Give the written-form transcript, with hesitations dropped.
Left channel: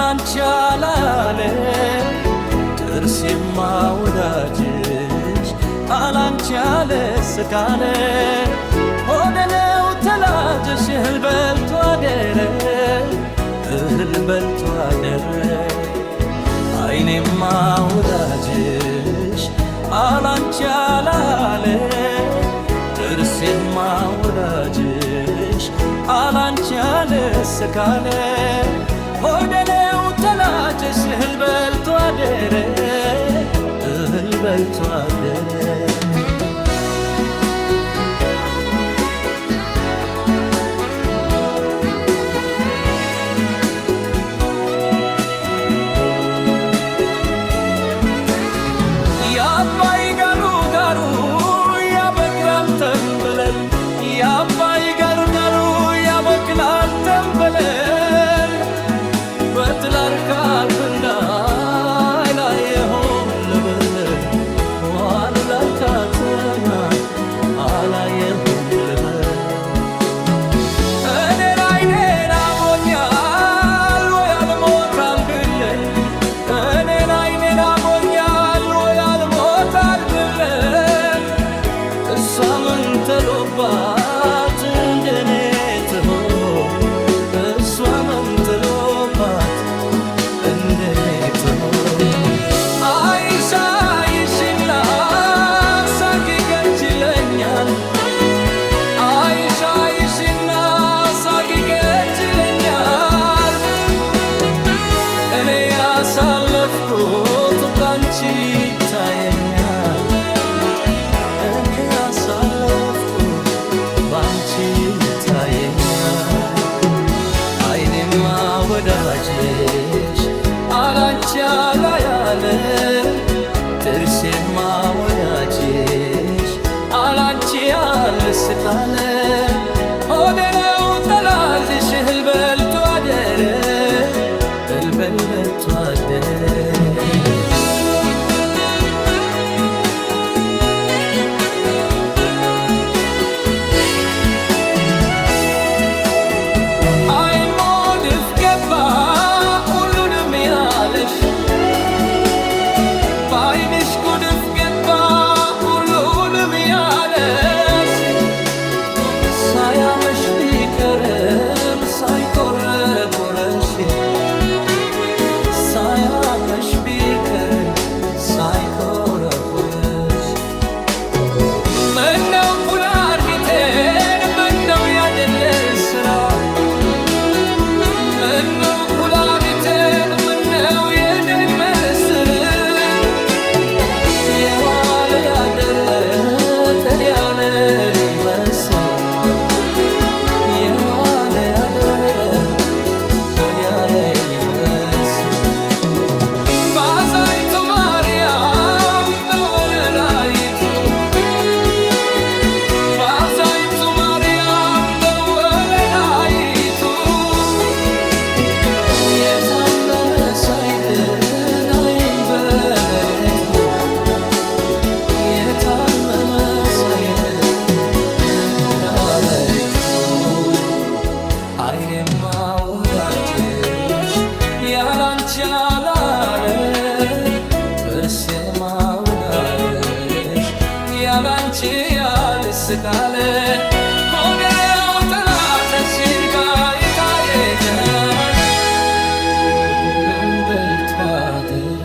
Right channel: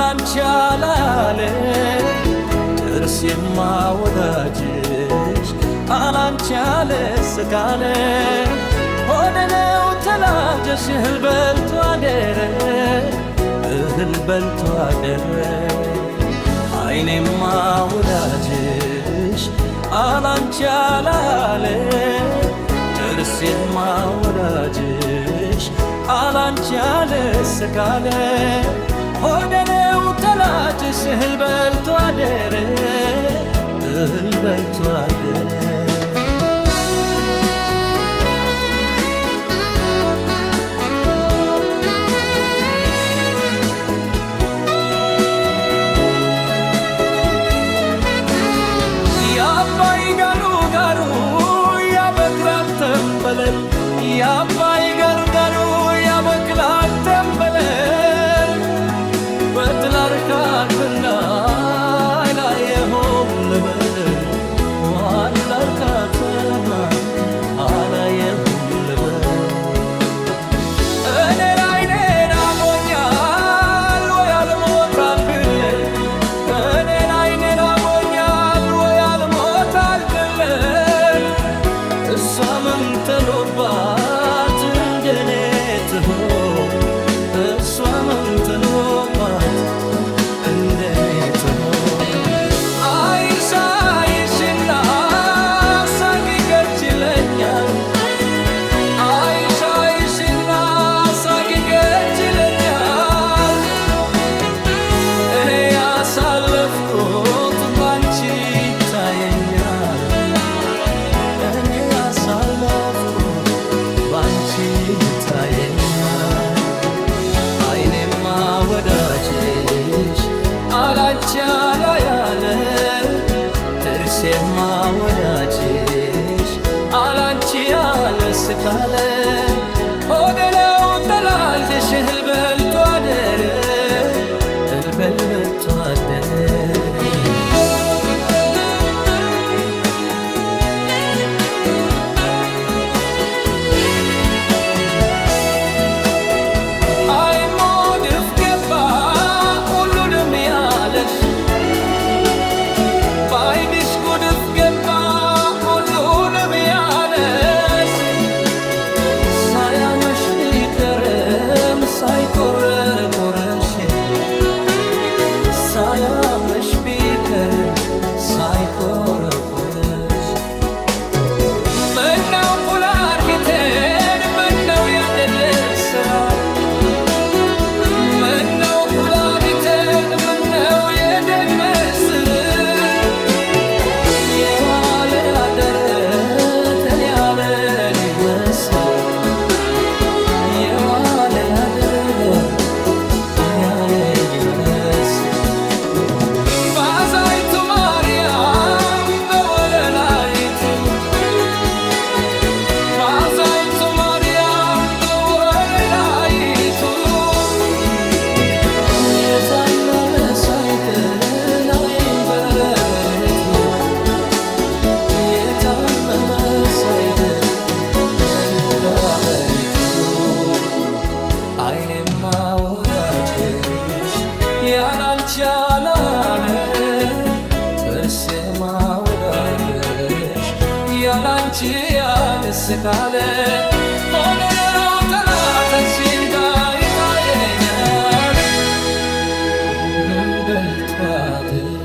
አላንቺ አላለ ጥርሴማ ወዳጅሽ አላንቺ አለ ስካለ ሆዴ ነው ተላጀሽ እህል በልቶ አደረ እህል በልቶ አደረ አይኔማ ወዳጅሽ አላንቺ አላለ ጥርሴማ ወዳጅሽ አላንቺ አለ ስካለ ሆዴ ነው ተላጀሽ እህል በልቶ አደረ እህል በልቶ አደረ ያባይ ጋሩ ጋሩ ያበቅላል ተንበለል ያባይ ጋሩ ጋሩ ያበቅላል ተንበለል በትላርካል ብላይ ላየሆም ልበል ዋልላርካተና አላየሆም ልበል እኔን አይኔን አሞኛል ወይ አልሞታል ብለል እኔን አይኔን አሞኛል ወይ አልሞታል ብለል እሷ ምን ተሎባት እንደኔ ትሆን እሷ ምን ተሎባት እንደኔ ትሆን አይሻ አይሽና ሳቂገች ይለኛል አይሻ አይሽና ሳቂገች ይለኛል እኔ ያሳለፍኩት ባንቺ ይታየኛል እኔ ያሳለፍኩት ባንቺ ይታየኛል አይኔማ ወዳጅሽ አላንቺ አላያለ ጥርሴማ ወዳጅሽ አላንቺ አልስካለ ሆዴ ነው ጠላልሽ እህል በልቶ አደረ እህል በልቶ አደረ ባይንሽ ጉድፍ ገባ ሁሉንም ያለሽ ሳያመሽ ቢከረም ሳይቆረቆረሽ ሳያመሽ ቢከረም ሳይቆረቆረሽ ምነው ቁላርጊቴን ምነው ያደለል ስራ ምነው ቁላርጊቴን ምነው የደግ መስር ያደረ ተልያለ ሊመስል የዋለ ያደረ ተልያለ ይመስል ባዛይቱ ማርያም በወለላይቱ ባዛይቱ ማርያም በወለላይቱ የታመነ ሳይድን አይን በሌሊቱ የታመመ ሳይድን እንዳበሪቱ አይኔማ ወዳጅሽ ያላንቺ አላለ ጥርሴማ ወዳጅሽ ያላንቺ ያልስካለ ሆዴ ነው ጠላትሽ ባይታየኛል እህል በልቶ አደረ